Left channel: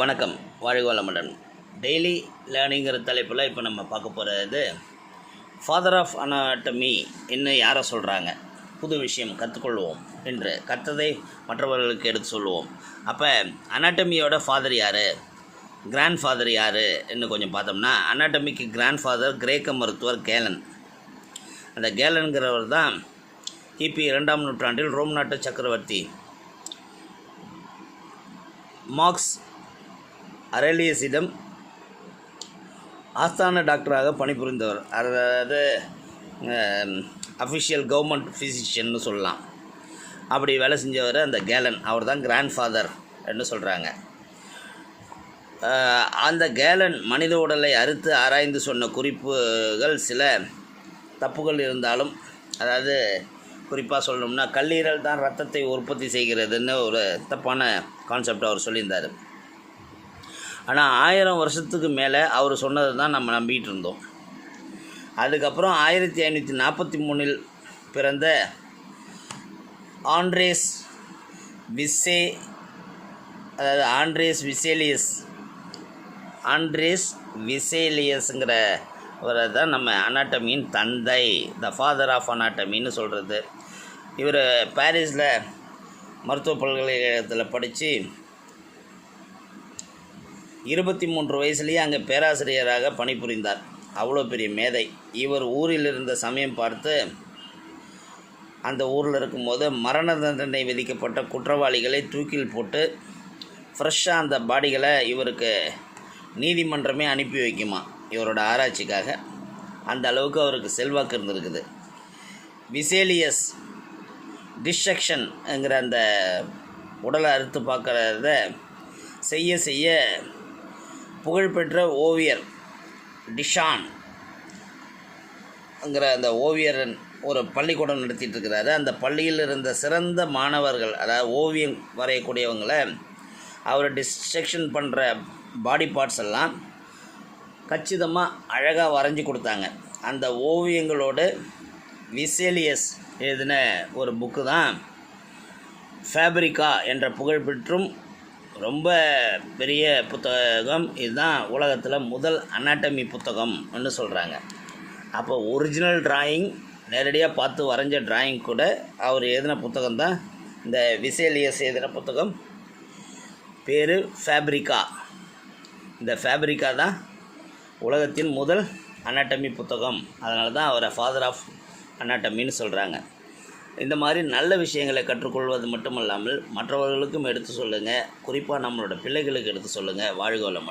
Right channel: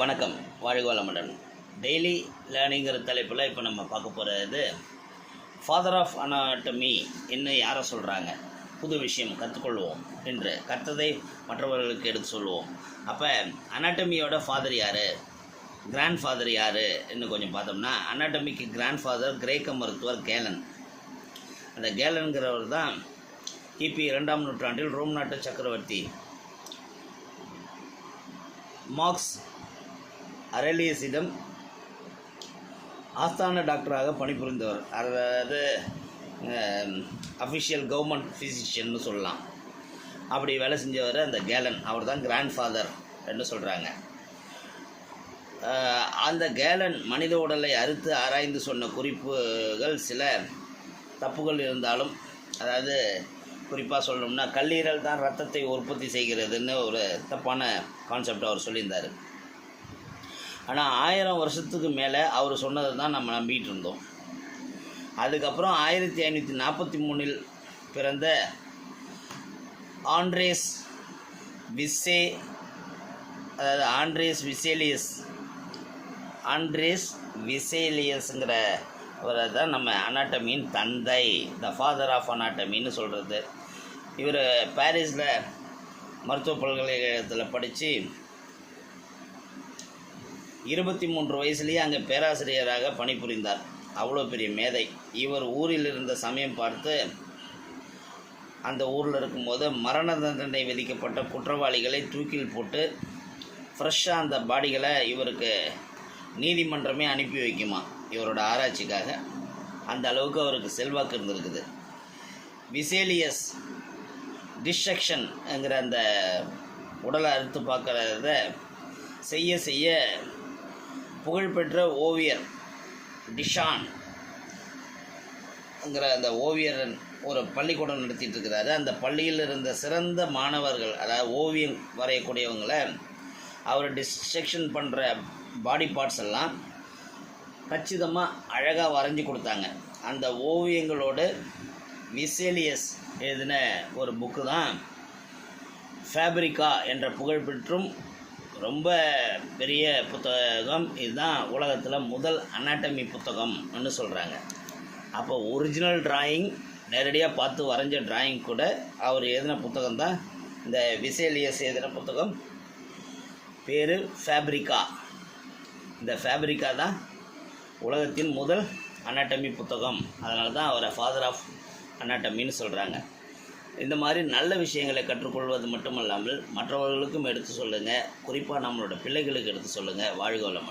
வணக்கம். வாழ்க வளமுடன். டெய்லி லேர்னிங்கிற தலைப்பில் இப்போ நம்ம பார்க்க போகிறது ஃபாதர் ஆஃப் அனாட்டமி என்ன யாரை சொல்கிறாங்க புது விஷயம் கற்றுக்கொள்வோம் என்று கற்றதை மற்றவர்களுக்கு எடுத்து சொல்லுவோம். அப்போ அனாட்டமியோட ஃபாதர் யார்? கிராண்ட் ஃபாதர் யார்? என்று கொஞ்சம் பார்த்தோம்னா அனாட்டமிக்கு கிராண்ட் ஃபாதர் கிரேக்க மருத்துவர் கேலன். அந்த கேலன்கிறவர் தான் கிபி இரண்டாம் நூற்றாண்டில் ரோம் நாட்டு சக்கரவர்த்தி. மார்க்ஸ் அரேலியஸிடம் ஆஸ்தான டாக்டராக பணிபுரிந்தவர். அதாவது அஃபிஷியல் கவர்மெண்ட் ஃபிசிஷியன்னு சொல்லலாம். அப்படி வேலை செஞ்சவர் அந்த கேலன். அவர் தான் கிராண்ட் ஃபாதர் என்று சொல்கிறாங்க அந்த கேலன் மனித உடலை அறுத்து ஆராய்ந்து சொன்ன குறிப்புகள் சில தப்புகள் இருந்தாலும் அதாவது குறிப்பாக சொல்லணும்னா கல்லீரல் தான் ரத்தத்தை உற்பத்தி செய்கிறதுன்னு ஒரு தப்பான கான்செப்ட் அவர் சொல்லியிருந்தார். ஆனால் ஆயிரம் வருஷத்துக்கு மேலே அவர் சொன்னதை தான் நம்ம நம்பிக்கிட்டு இருந்தோம். அதுக்கப்புறம் ஆயிரத்தி ஐநூற்றி நாற்பத்தி மூணில் பிறந்த ஆண்ட்ரேஸ் விசே அதாவது ஆண்ட்ரேஸ் விசேலியஸ் ஆண்ட்ரேஸ் விசேலியஸுங்கிற அவரை தான் நம்ம அனாட்டமியின் தந்தை த ஃபாதர் ஆஃப் அனாட்டமின்னு சொல்கிறது இவர் பாரிஸில் மருத்துவ பல்கலைக்கழகத்தில் படித்து இருபத்தி மூன்று வயசுலேயே அங்கே பேராசிரியராக பணிபுரிந்தார். அவ்வளோ பெரிய மேதை. இவர் ஊரில் இருந்த சமயம் பார்த்து அந்த ஊரில் இருக்கும்போது மரண தண்டனை விதிக்கப்பட்ட குற்றவாளிகளை தூக்கில் போட்டு ஃப்ரெஷ்ஷாக அந்த பாடிகளை இவருக்கு நீதிமன்றமே அனுப்பி வைக்குமா? இவரோட ஆராய்ச்சிக்காக. அந்த அளவுக்கு அவருக்கு செல்வாக்கு இருந்திருக்குது. விசேலியஸ் டிஸ்ட்ரக்ஷன்ங்கிற அந்த உடலை அறுத்து பார்க்குறத செய்ய செய்ய புகழ்பெற்ற ஓவியர் டிஷான் ங்கிற அந்த ஓவியர் ஒரு பள்ளிக்கூடம் நடத்திட்டு இருக்கிறாரு அந்த பள்ளியில் இருந்த சிறந்த மாணவர்கள் அதாவது ஓவியம் வரையக்கூடியவங்களை அவர் டிஸ்ட்ரக்ஷன் பண்ணுற பாடி பார்ட்ஸ் எல்லாம் கச்சிதமாக அழகாக வரைஞ்சி கொடுத்தாங்க. அந்த ஓவியங்களோடு விசேலியஸ் எழுதின ஒரு புக்கு தான் ஃபேப்ரிக்கா என்ற புகழ்பெற்றும் ரொம்ப பெரிய புத்தகம். இதுதான் உலகத்தில் முதல் அனாட்டமி புத்தகம்னு சொல்கிறாங்க அப்போ ஒரிஜினல் டிராயிங் நேரடியாக பார்த்து வரைஞ்ச டிராயிங் கூட அவர் எழுதின புத்தகம் தான் இந்த விசேலியஸ் எழுதின புத்தகம். பேர் ஃபேப்ரிகா இந்த ஃபேப்ரிகா தான் உலகத்தின் முதல் அனாட்டமி புத்தகம். அதனால தான் அவரை ஃபாதர் ஆஃப் அனாட்டமின்னு சொல்கிறாங்க இந்த மாதிரி நல்ல விஷயங்களை கற்றுக்கொள்வது மட்டுமல்லாமல் மற்றவர்களுக்கும் எடுத்து சொல்லுங்கள் குறிப்பாக நம்மளோட பிள்ளைகளுக்கு எடுத்து சொல்லுங்கள் வாழ்க வளமுடன்.